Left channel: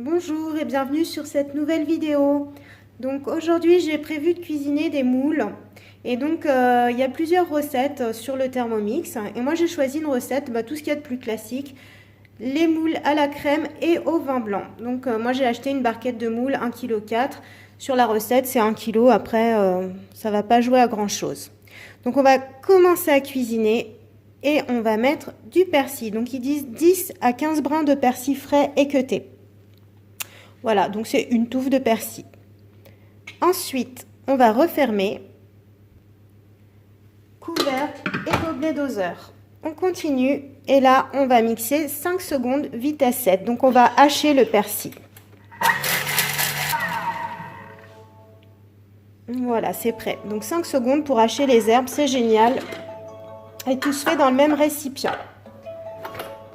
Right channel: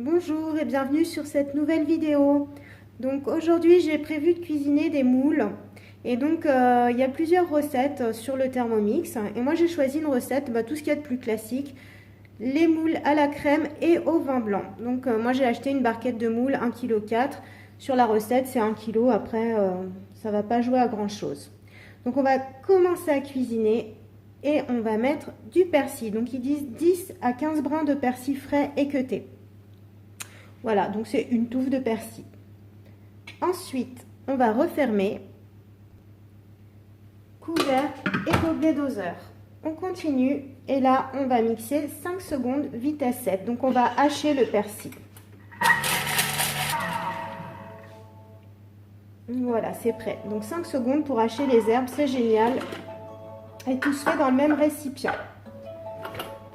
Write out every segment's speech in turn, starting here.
Bonjour et bienvenue sur cette nouvelle vidéo. Donc aujourd'hui j'ai prévu de cuisiner des moules et donc il y a plusieurs recettes sur le Thermomix et moi j'ai choisi une recette, tout ce qu'il y a de plus classique, les moules à la crème et au vin blanc. Donc moi j'ai acheté une barquette de moules 1,4 kg. Sur la recette c'est 1 kg, après ça va pas jouer à grand chose. Donc on va commencer à cuisiner et on va mettre du persil. Donc ils disent 10 à 15 brins de persil frais équeutés. Voilà, donc c'est une touffe de persil. Ensuite, on va refermer, couvercle et gobelet doseur. On continue et là, on va mixer 5 secondes vitesse 7. Donc on va hacher le persil. Voilà, c'est prêt. Donc 5 secondes pour hacher les herbes, c'est génial. Et tout se fait dans le même récipient.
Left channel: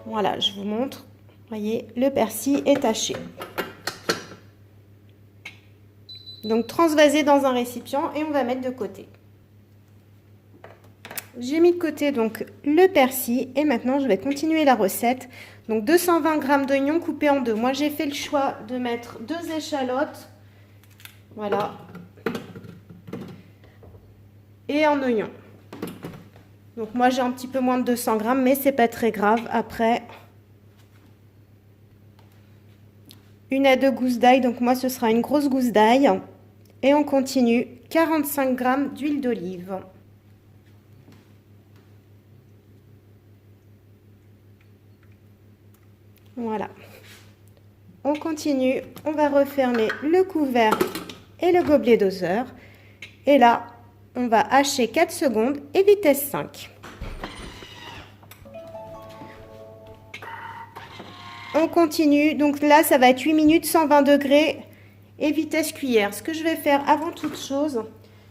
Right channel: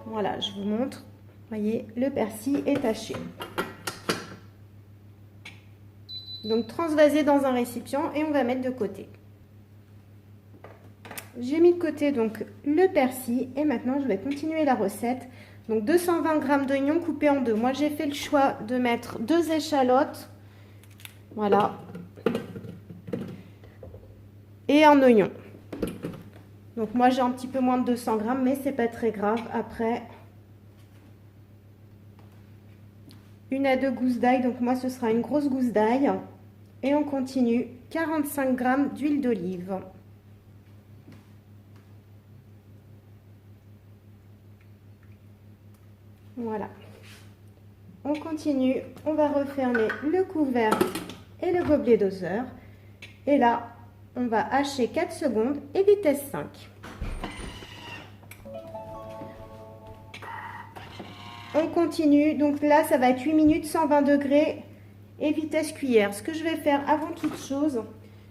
Voilà, je vous montre. Voyez, le persil est haché. Donc transvaser dans un récipient et on va mettre de côté. J'ai mis de côté donc le persil et maintenant je vais continuer la recette. Donc 220 g d'oignons coupés en deux. Moi j'ai fait le choix de mettre 2 échalotes. Voilà. Et un oignon. Donc moi j'ai un petit peu moins de 200 g mais c'est pas très grave. Après, 1 à 2 gousses d'ail. Donc moi ce sera une grosse gousse d'ail. Et on continue. 45 g d'huile d'olive. Voilà. On continue. On va refermer le couvercle et le gobelet doseur. Et là, on va hacher 4 secondes et vitesse 5. On continue. Donc là, ça va être 8 minutes, 120 degrés et vitesse cuillère. Ce que je vais faire avant toute chose,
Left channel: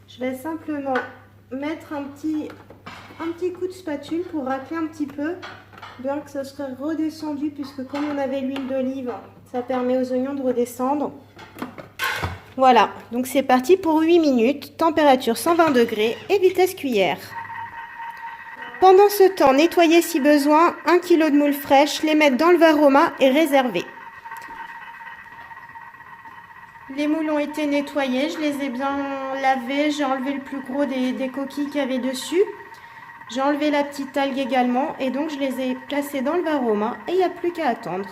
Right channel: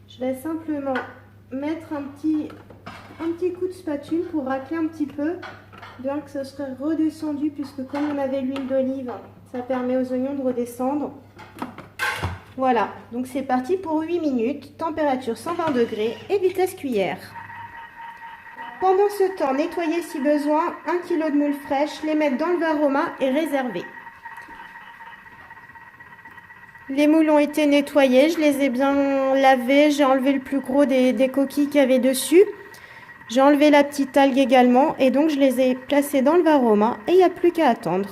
je vais simplement mettre un petit coup de spatule pour racler un petit peu, bien que ce serait redescendu, puisque comme on avait l'huile d'olive, ça permet aux oignons de redescendre. Voilà, donc c'est parti pour 8 minutes, température 120 degrés et vitesse cuillère. Pendant ce temps, nettoyez si besoin 1 kg de moules fraîches, les mettre dans le varoma et réserver. Les moules ont été nettoyés, je les ai bien lavés, j'ai enlevé le plus gros des coquilles qu'il y avait dessus. J'ai enlevé la petite algue également et donc je les ai placés dans le varoma et il n'y a plus qu'à attendre.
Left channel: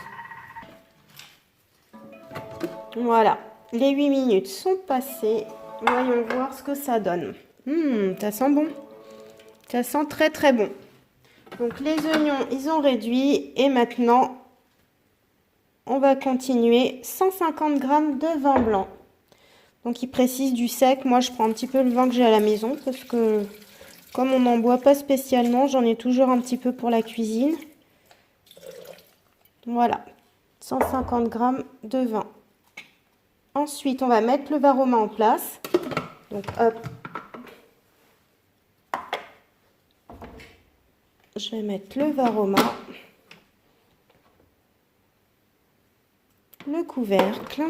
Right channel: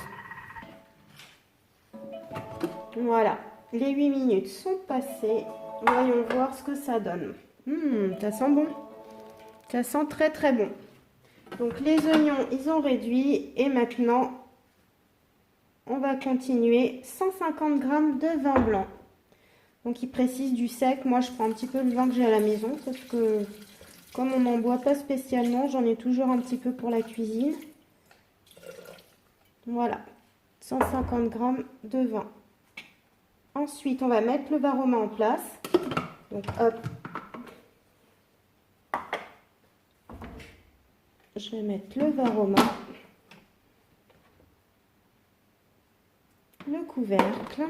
Voilà, les 8 minutes sont passées. Voyons voir ce que ça donne. Ça sent bon. Ça sent très très bon. Donc les oignons, ils ont réduit et maintenant, on va continuer 150 g de vin blanc. Donc il précise du sec. Moi, je prends un petit peu le vin que j'ai à la maison parce que comme on n'en boit pas spécialement, j'en ai toujours un petit peu pour la cuisine. Voilà, 150 g de vin. Ensuite, on va mettre le varoma en place. Donc, hop. Je vais mettre le varoma. Le couvercle.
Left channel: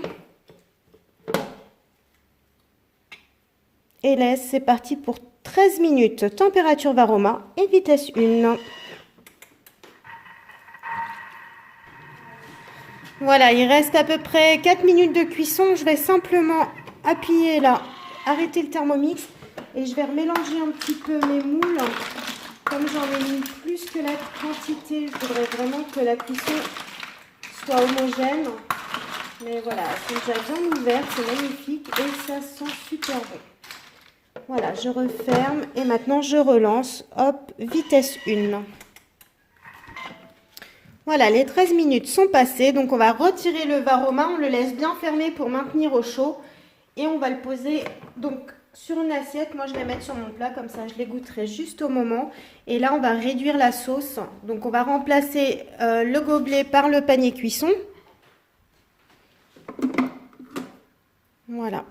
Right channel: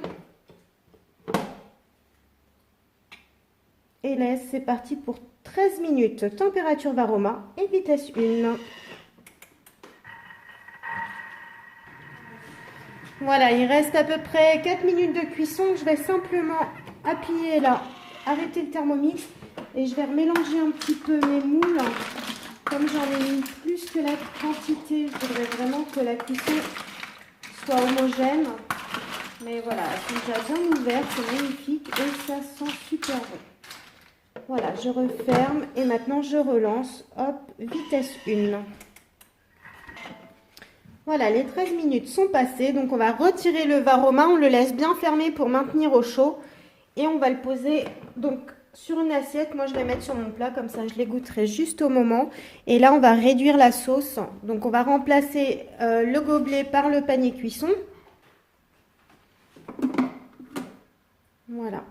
Et laisse, c'est parti pour 13 minutes. Température varoma et vitesse 1. Voilà, il reste à peu près 4 minutes de cuisson. Je vais simplement appuyer là, arrêter le Thermomix et je vais remélanger un petit peu mes moules. Comme j'en ai mis plus que la quantité, je voudrais vraiment que la cuisson soit homogène. Mais voilà, c'est déjà bien ouvert, c'est magnifique et ça sent super bon. Voilà, je referme et maintenant je relance. Hop, vitesse 1. Voilà, les 13 minutes sont passées, donc on va retirer le varoma, on le laisse bien fermé pour maintenir au chaud et on va le poser donc sur une assiette. Moi je vais mettre sur mon plat, comme ça je les goûterai juste au moment. Et là on va réduire la sauce, donc on va remplacer le gobelet par le panier cuisson. Voilà,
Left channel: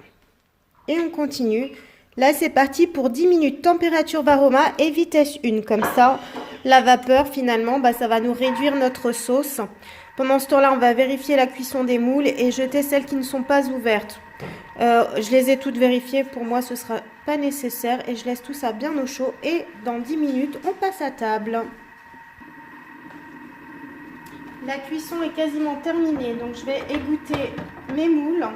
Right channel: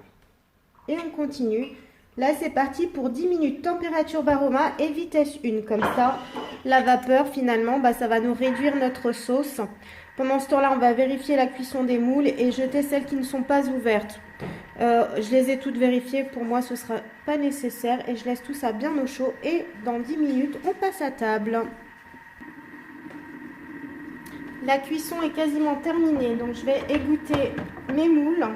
et on continue. Là c'est parti pour 10 minutes, température varoma et vitesse 1, comme ça la vapeur finalement ça va nous réduire notre sauce. Pendant ce temps-là, on va vérifier la cuisson des moules et jeter celles qui ne sont pas ouvertes. Je les ai toutes vérifiées, pour moi ce sera pas nécessaire et je laisse tout ça bien au chaud et dans 10 minutes on passe à table. La cuisson est quasiment terminée, donc je vais égoutter mes moules.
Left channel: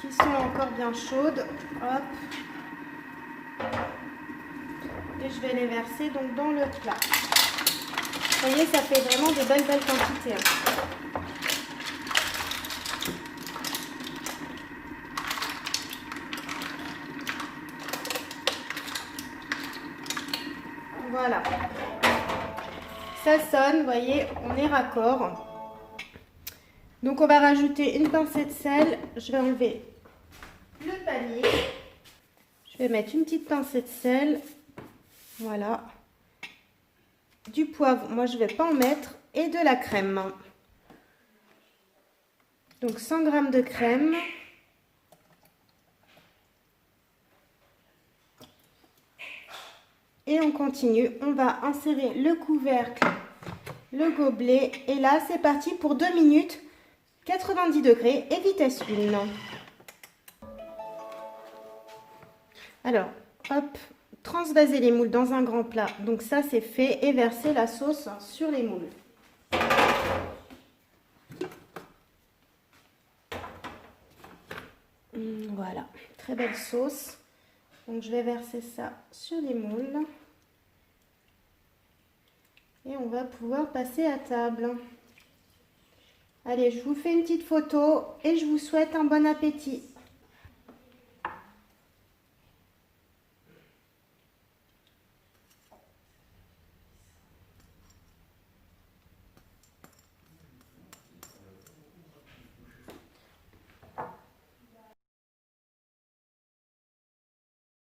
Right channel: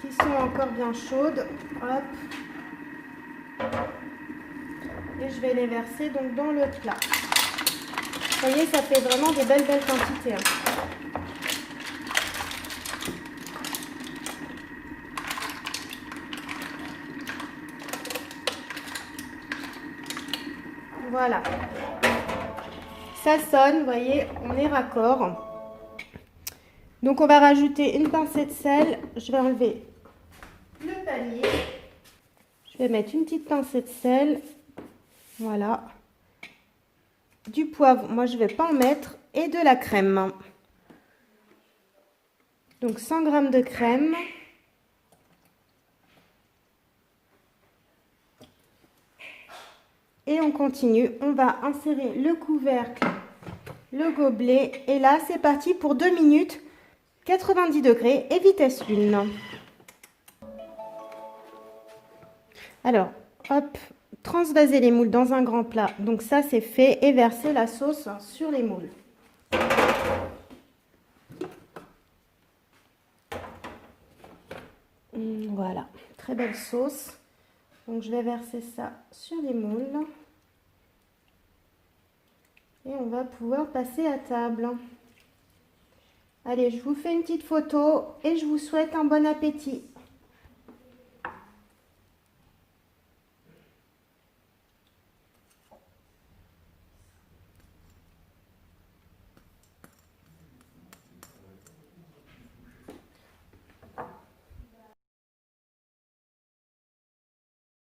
Qui sont encore bien chaudes. Hop. Et je vais les verser donc dans le plat. Vous voyez, ça fait vraiment des belles quantités. Voilà. Ça sonne, vous voyez, on est raccord. Donc on va rajouter une pincée de sel. Je vais enlever le panier. Je vais mettre une petite pincée de sel. Voilà. Du poivre, moi je ne vais pas en mettre. Et de la crème. Donc 100 g de crème. Et on continue. On va insérer le couvercle, le gobelet. Et là, c'est parti pour 2 minutes. 90 degrés et vitesse 1. Alors, hop, transvaser les moules dans un grand plat. Donc ça, c'est fait. Et verser la sauce sur les moules. Voilà, très belle sauce. Donc je vais verser ça sur les moules. Et on va pouvoir passer à table. Allez, je vous fais une petite photo et je vous souhaite un bon appétit.